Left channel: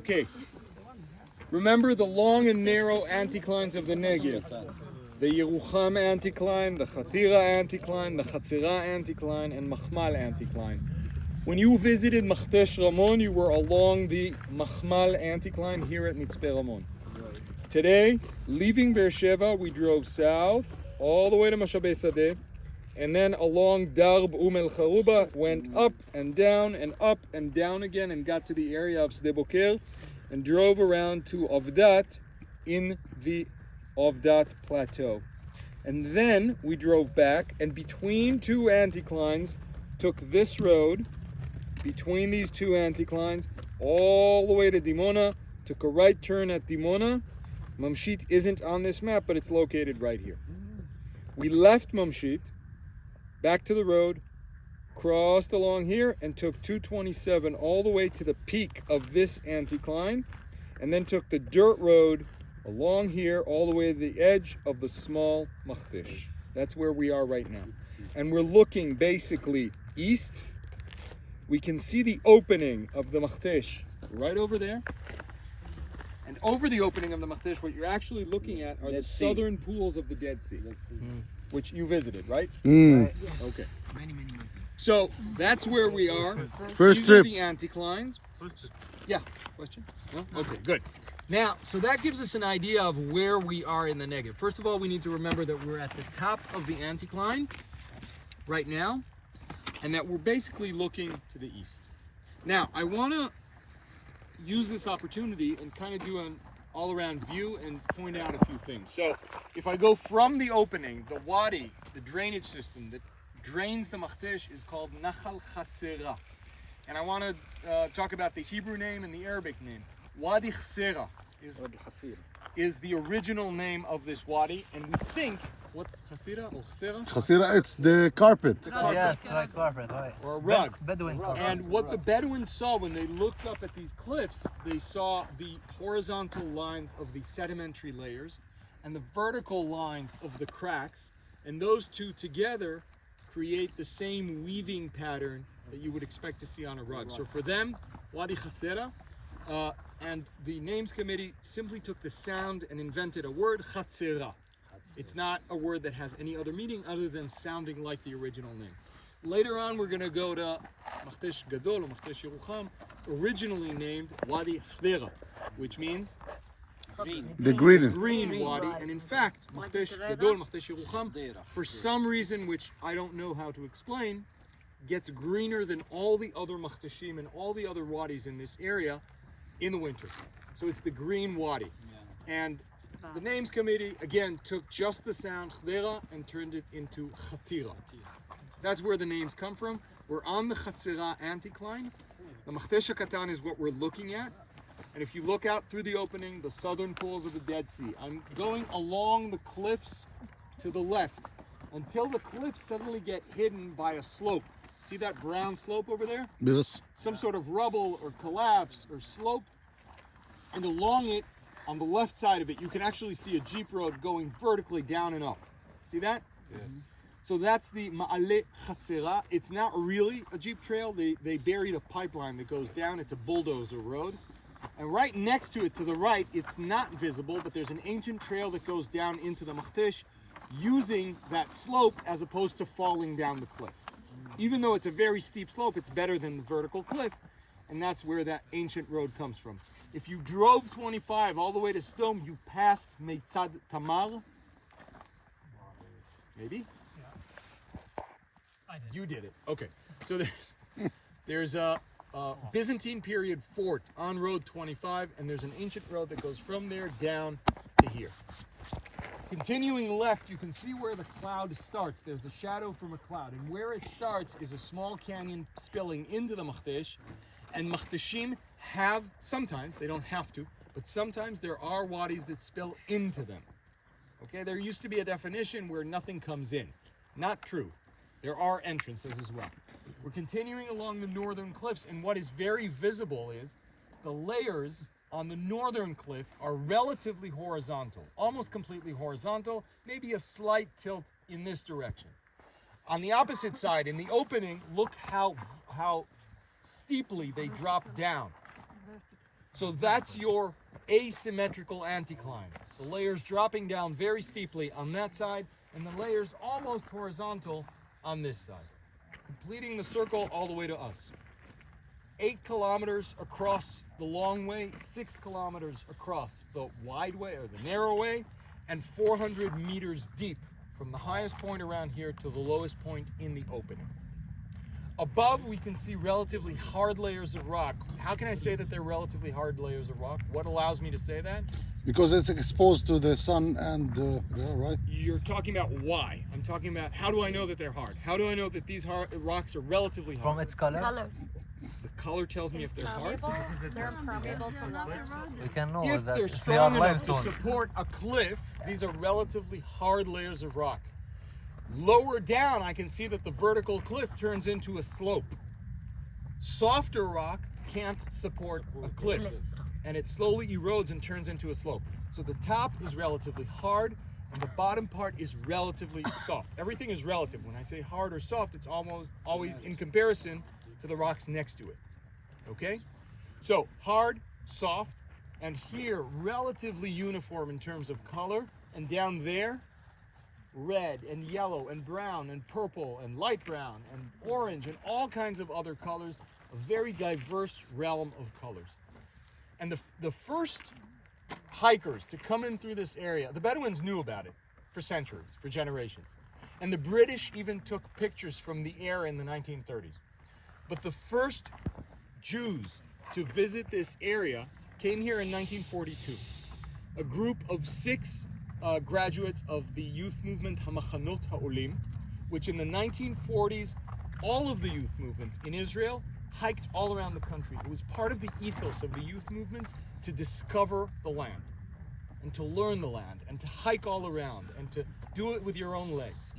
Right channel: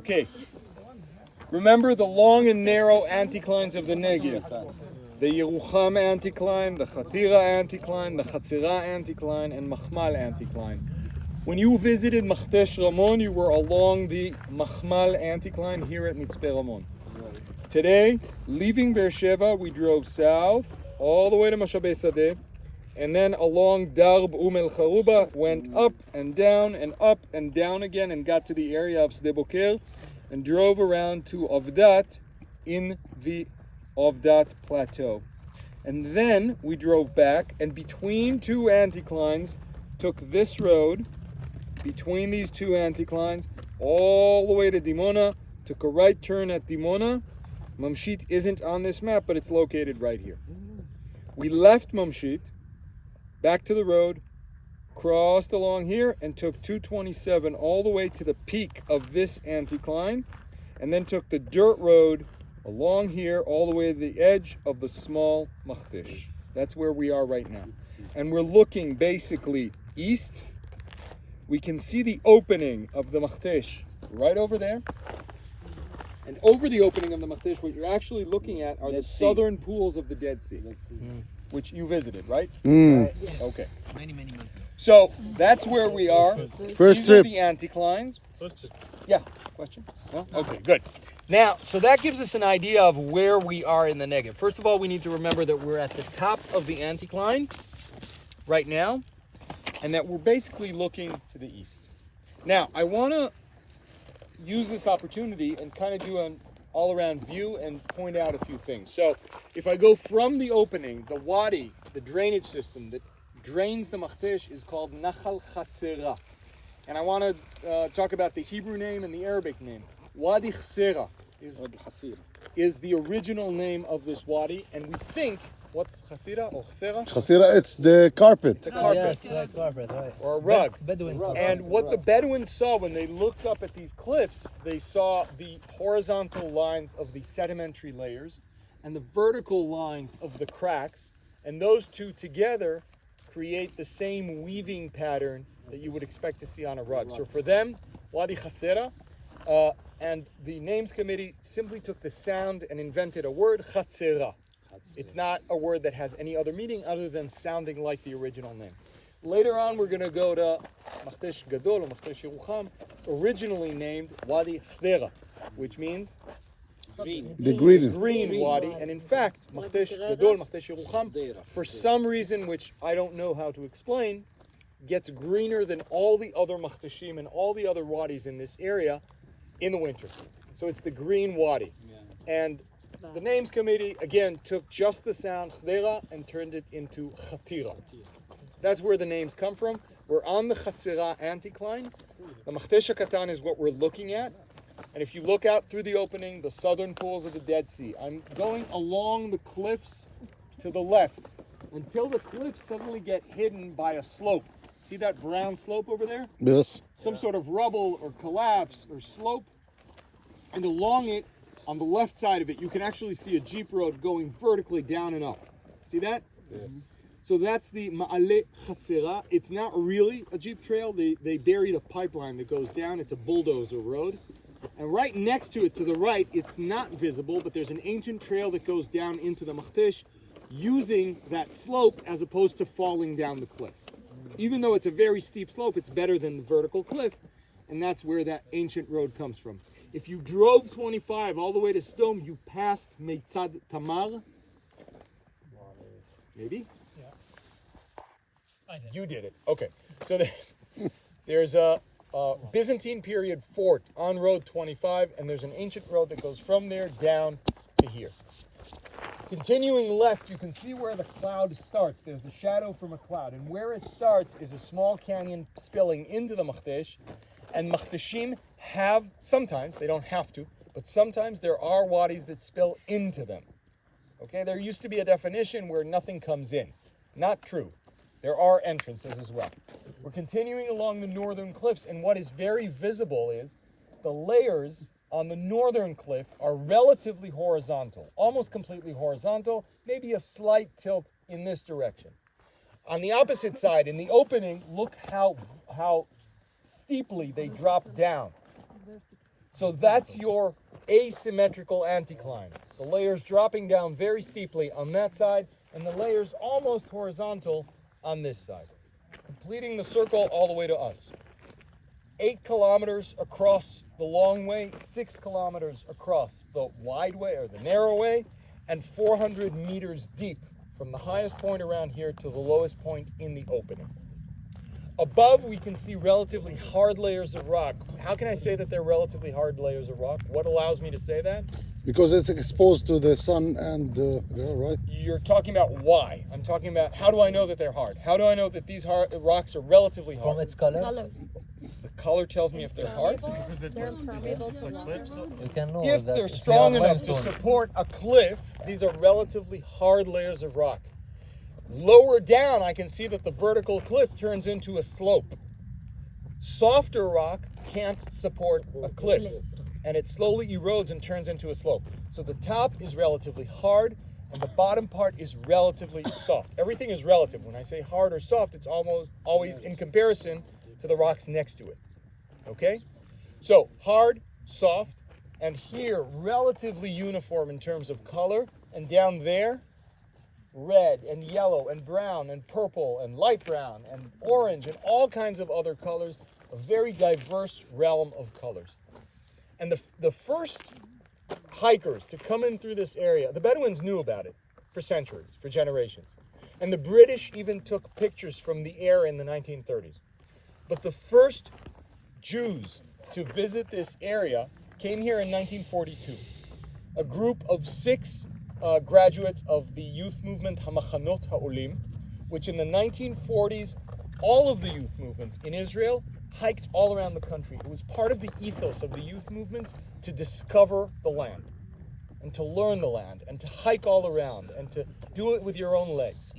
Okay. Remember the long and narrow anticlines of the Negev. The Yerucham anticline, the Chatira anticline, the Chatzira anticline, and Machmal anticline. When you visited Makhtesh Ramon, you were along the Machmal anticline here at Mitzpeh Ramon. Today, leaving Beersheba, we drove south all the way to Mashabei Sadeh, and then along Darb El Charuba, went up and down again, and got to the area of Sde Boker, and drove around to Avdat in the Avdat Plateau. And then we drove back, and between two anticlines, took this road, between these two anticlines, all the way to Dimona, took a right turn at Dimona. Mamshit isn't on this map, but it's located right here. We left Mamshit, back to the road, crossed along here, and took 227 all the way to the peak of this anticline, and then took the dirt road along here all the way to the edge of the small Makhtesh. That's where we are right now. And we're looking basically east. We can see the opening of the Makhtesh right over there. And over the opening of the Makhtesh, what you're actually looking at are the southern pools of the Dead Sea, which you visited, right? Right. Okay. Many months ago. So that's where we are. First These trip. are the anticlines. Yeah. Question? No? Okay, good. Now, so that gives us an idea of where we are in the Negev. First of all, we need to remember that we're at the top of the anticline right now, and that we're basically looking to the east. Now, I want to use this opportunity and kind of do an all-around view and point out a few things. So, if I go from the opening, the wadi, the drainage system that drains the Makhtesh is called Nachal Chatzera. And I want to talk about the Hebrew name and the Arabic name. Wadi Chsera is the original name of this wadi, and we think, what's Chasira or Chsera? Chasira, it's the carpet. The carpet. Yes, right, carpet, right. Or a rug. Bedouin carpet. And what the Bedouins saw when they looked up at these cliffs, they saw the horizontal lines of the sedimentary layers and the vertical lines of the cracks, and those two together create the same weaving pattern that you would expect to see on a rug. So for them, Wadi Chasera, and the names committee simply took the sound and invented a word, Chatzera. It's not a word that has any other meaning other than sounding like the original name. Later on, we're going to go to Makhtesh Gadol or Makhtesh Yerucham, originally named Wadi Chdera, which means The green. green wadi. And in fact, Makhtesh Gadol, Makhtesh Yerucham, for some reason which I don't know how to explain, gets greener than all the other Makhteshim and all the other wadis in this area in the winter. So it's the green wadi. And the names committee, again, took just the sound Chdera and turned it into Chatira. That's where the names come from. We're on the Chatzira anticline. The Makhtesh hakatan is what we're looking at. And if you look out through the opening, the southern pools of the Dead Sea, I'm going along the cliffs to the left until the cliffs suddenly get hidden by a slope. See that brown slope over there? Yes. Some sort of rubble or collapse or slope. And along it, on the left side of it, you can actually see a jeep road going vertically down and up. See that? Yes. So that's the Ma'ale Chatzera. It's not really a jeep trail. They buried a pipeline that goes down. It's a bulldozer road. And right next to it, to the right, it's not visible, but there's an ancient trail that goes down into the Makhtesh using that slope as opposed to falling down the cliff. Even though it's a very steep slope, it's better than the vertical cliff, and that's where that ancient road comes from. If you drove 25 all the way to Sdom, you passed Meitzad Tamar. Maybe? Yeah. You did it. Okay. So there's a Byzantine period fort on Road 25, and there's an ancient road that goes from there down to here. Continuing left, you can see where the cloud starts. There's a shadow from a cloud, and where it starts is a small canyon spilling into the Makhtesh, and Makhteshim have, sometimes, they don't have to, but sometimes there are wadis that spill into them. Okay, there used to be a definition where nothing comes in. Not true. There are entrances as well. We're continuing along the northern cliffs, and what is very visible is the layers on the northern cliff are relatively horizontal, almost completely horizontal, maybe a slight tilt in this direction. On the opposite side, in the opening, look how steeply they drop down. So that's your asymmetrical anticline. The layers dropping down very steeply on that side, and the layers almost horizontal on this side, completing the circle all the way to us. 8 kilometers across the long way, 6 kilometers across the wide way or the narrow way, and 400 meters deep from the highest point around here to the lowest point in the opening. Above, we can see relatively hard layers of rock. How can I say that they're relatively hard layers of rock? What allows me to say that? Because it's exposed to the sun and yeah, right? You're talking about why. I'm talking about how do I know that they're hard? How do I know that these rocks are relatively hard? From its color, Color. The color tells me if they're hard. They're impermeable to water. we can know If that they're they strong are enough to limestone. support a cliff, these are relatively hard layers of rock. Lower down, I can see that the vertical cliff turns into a slope. Softer rock can't support a cliff, and it slowly erodes and turns into a slope. So the top is relatively hard, and the bottom part is relatively soft. Everything is relative. When I say hard or soft, it's almost always in comparison to the rocks next to it. Okay? So hard, soft, and here relatively uniform in terms of color, and down there, red and yellow and brown and purple and light brown and orange and all kinds of other colors, a very diverse realm of colors. And the first hikers to come in through this area, the Bedouins knew about it for centuries, for generations. And the British even took pictures from the air in the 1930s. But the first Jews to visit this area came here in 1942. A group of 6 graduates of the youth movement Hamachanot Ha'olim, which in the 1940s, all of the youth movements in Israel hiked all around the country. It was part of the ethos of the youth movements to discover the land and to learn the land and to hike all around and to do it with your own legs.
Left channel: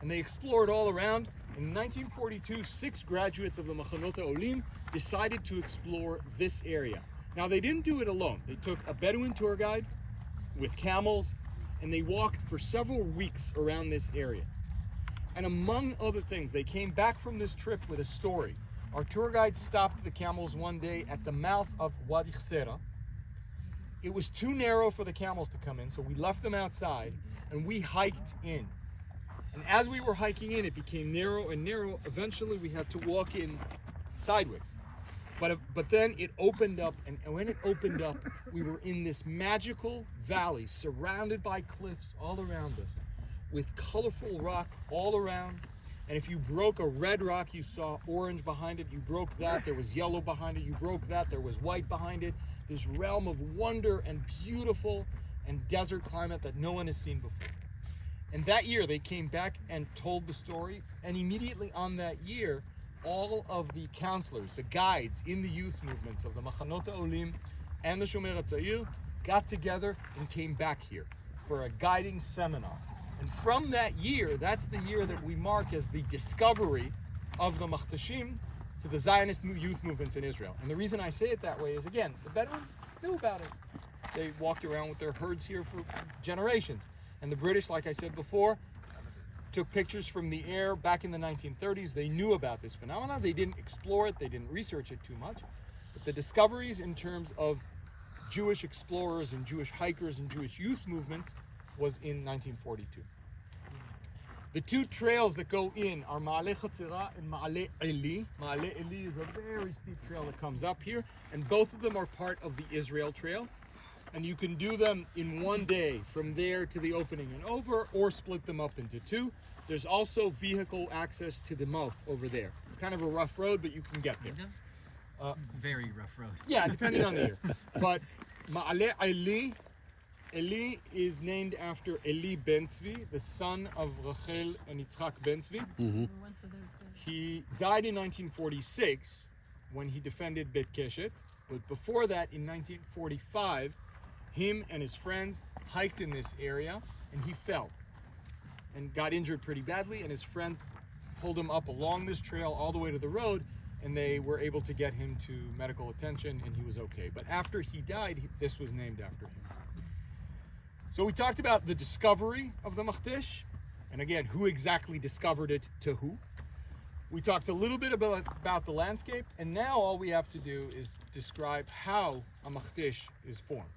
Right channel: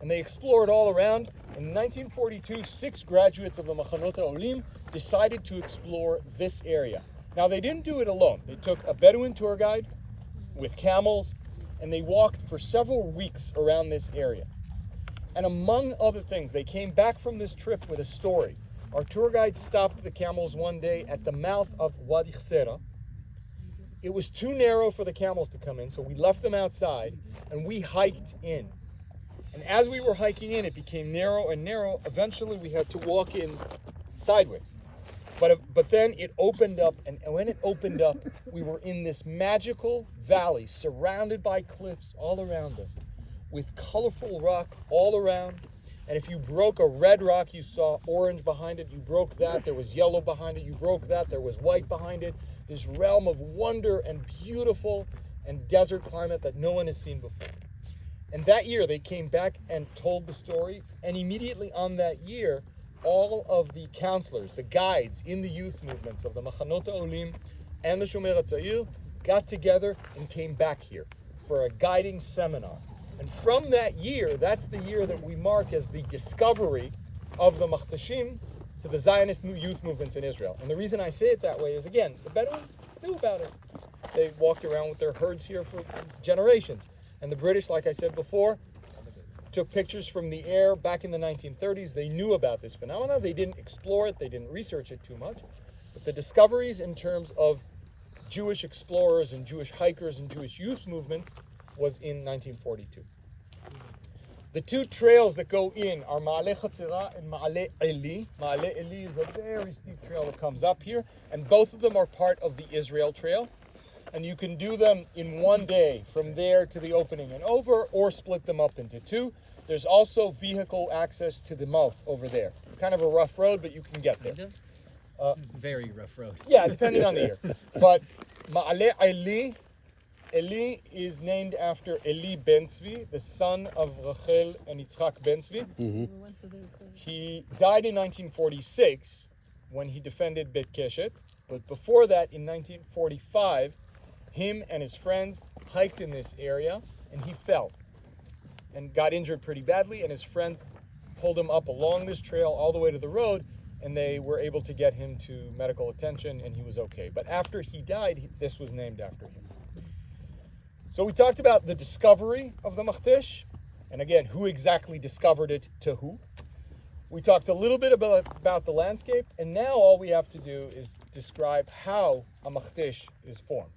And they explored all around. In 1942, 6 graduates of the Machanot Ha'olim decided to explore this area. Now, they didn't do it alone. They took a Bedouin tour guide with camels, and they walked for several weeks around this area. And among other things, they came back from this trip with a story. Our tour guide stopped the camels one day at the mouth of Wadi Khsera. It was too narrow for the camels to come in, so we left them outside, and we hiked in. And as we were hiking in, it became narrow and narrow. Eventually, we had to walk in sideways. But then it opened up, and when it opened up, we were in this magical valley surrounded by cliffs all around us with colorful rock all around. And if you broke a red rock, you saw orange behind it. You broke that, there was yellow behind it. You broke that, there was white behind it. This realm of wonder and beautiful and desert climate that no one has seen before. And that year, they came back and told the story. And immediately on that year, all of the counselors, the guides in the youth movements of the Machanot Ha'olim and the Shomer HaTzair got together and came back here for a guiding seminar. And from that year, that's the year that we mark as the discovery of the Makhteshim to the Zionist youth movements in Israel. And the reason I say it that way is, again, the Bedouins knew about it. They walked around with their herds here for generations. And the British, like I said before, took pictures from the air back in the 1930s. They knew about this phenomena. They didn't explore it. They didn't research it too much. But the discoveries in terms of Jewish explorers and Jewish hikers and Jewish youth movements was in 1942. The 2 trails that go in are Ma'ale Chatzira and Ma'ale Eli. Ma'ale Eli is a very steep trail that comes up here, and both of them are part of the Israel Trail. And you can do them in one day from there to the opening and over, or split them up into 2. There's also vehicle access to the mouth over there. It's kind of a rough road, but you can get there. Very rough road. Yeah, depending on the year. But Ma'ale Eli is named after Eli Ben Tzvi, the son of Rachel and Yitzchak Ben Tzvi. He died in 1946 when he defended Bet Keshet. But before that, in 1945, him and his friends hiked in this area, and he fell and got injured pretty badly, and his friends pulled him up along this trail all the way to the road, and they were able to get him to medical attention, and he was okay. But after he died, this was named after him. So we talked about the discovery of the Makhtesh, and again, who exactly discovered it to who. We talked a little bit about the landscape, and now all we have to do is describe how a Makhtesh is formed.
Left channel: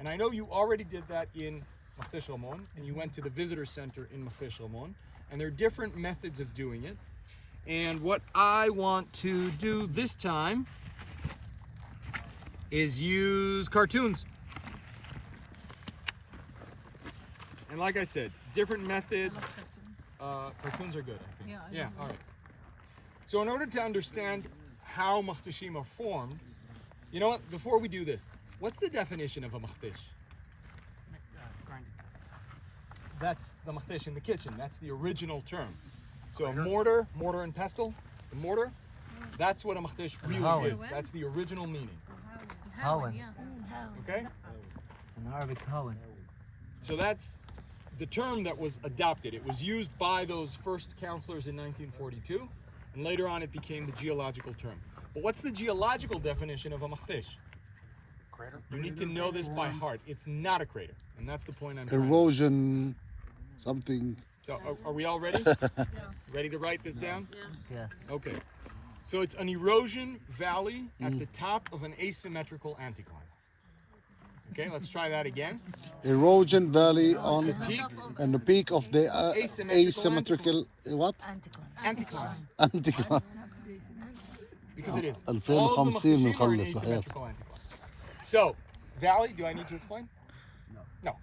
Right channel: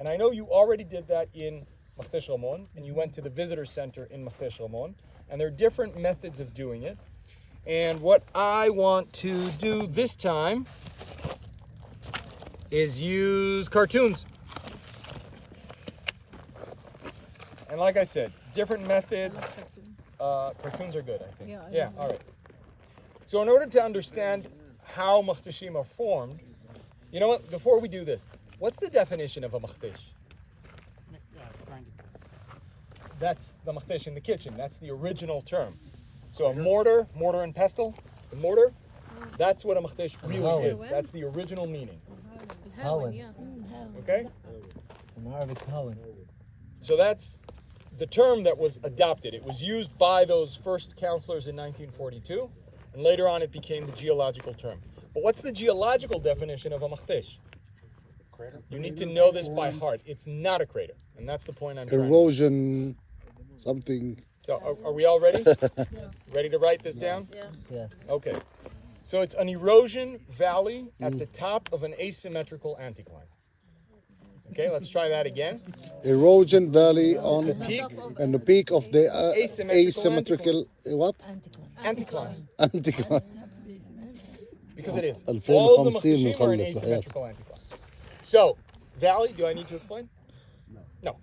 And I know you already did that in Makhtesh Ramon, and you went to the visitor center in Makhtesh Ramon, and there are different methods of doing it. And what I want to do this time is use cartoons. And like I said, different methods. Cartoons are good, I think. Yeah, all right. So in order to understand how Makhteshim are formed, you know what, before we do this, what's the definition of a Makhtesh? That's the Makhtesh in the kitchen. That's the original term. So a mortar and pestle, the mortar, that's what a Makhtesh really is. That's the original meaning. Hawan. Okay? In Arabic, Hawan. So that's the term that was adopted. It was used by those first counselors in 1942, and later on it became the geological term. But what's the geological definition of a Makhtesh? Crater. You need to know this by heart. It's not a crater, and that's the point I'm trying to make. Erosion, something. So are we all ready? Ready to write this down? Yes. Okay. So it's an erosion valley at the top of an asymmetrical anticline. Okay, let's try that again. Erosion valley on Peak and the peak of the Asymmetrical asymmetrical what? anticline. Anticline. Because it is. 2050 All of the Makhteshim are an نخلص asymmetrical anticline. So, valley, do I need to explain? No.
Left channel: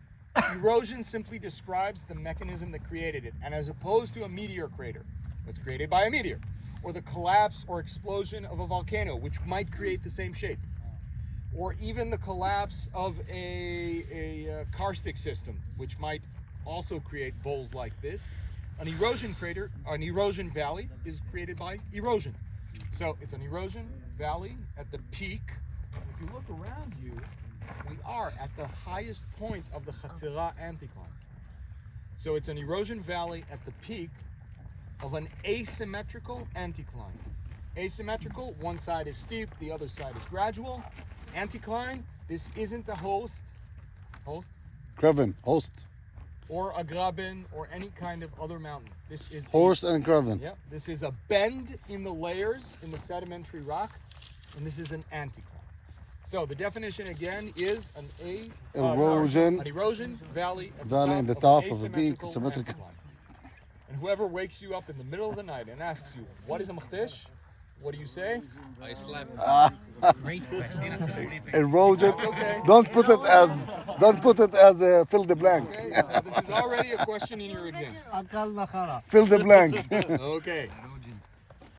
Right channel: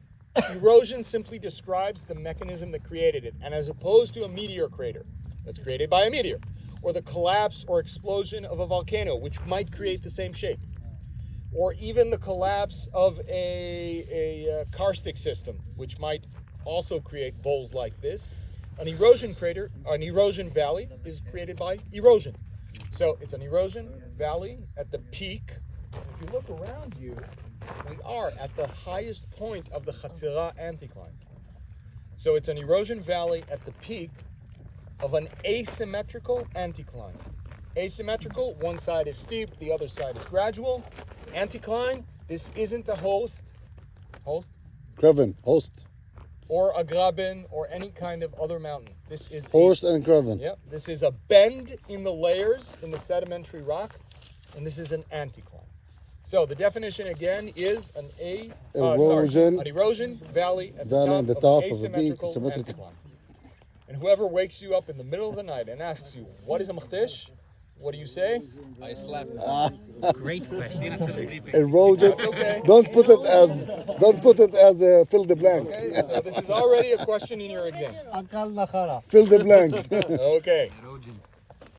Erosion simply describes the mechanism that created it, and as opposed to a meteor crater that's created by a meteor, or the collapse or explosion of a volcano, which might create the same shape, or even the collapse of a karstic system, which might also create bowls like this, an erosion valley is created by erosion. So it's an erosion valley at the peak. If you look around you, we are at the highest point of the Chatzira anticline. So it's an erosion valley at the peak of an asymmetrical anticline. Asymmetrical, one side is steep, the other side is gradual. Anticline, this isn't a host, Graven, host. or a graben, or any kind of other mountain. This is Host and Graven. Yep, this is a bend in the layers in the sedimentary rock, and this is an anticline. So the definition again is an erosion valley at the top of a peak, symmetrical. And whoever wakes you up in the middle of the night and asks you, what is a Makhtesh? What do you say? I slept. Great question. Erosion. Okay. Don't put it as a fill the blank. Okay, so this is already a question in your exam. Fill the blank. Okay.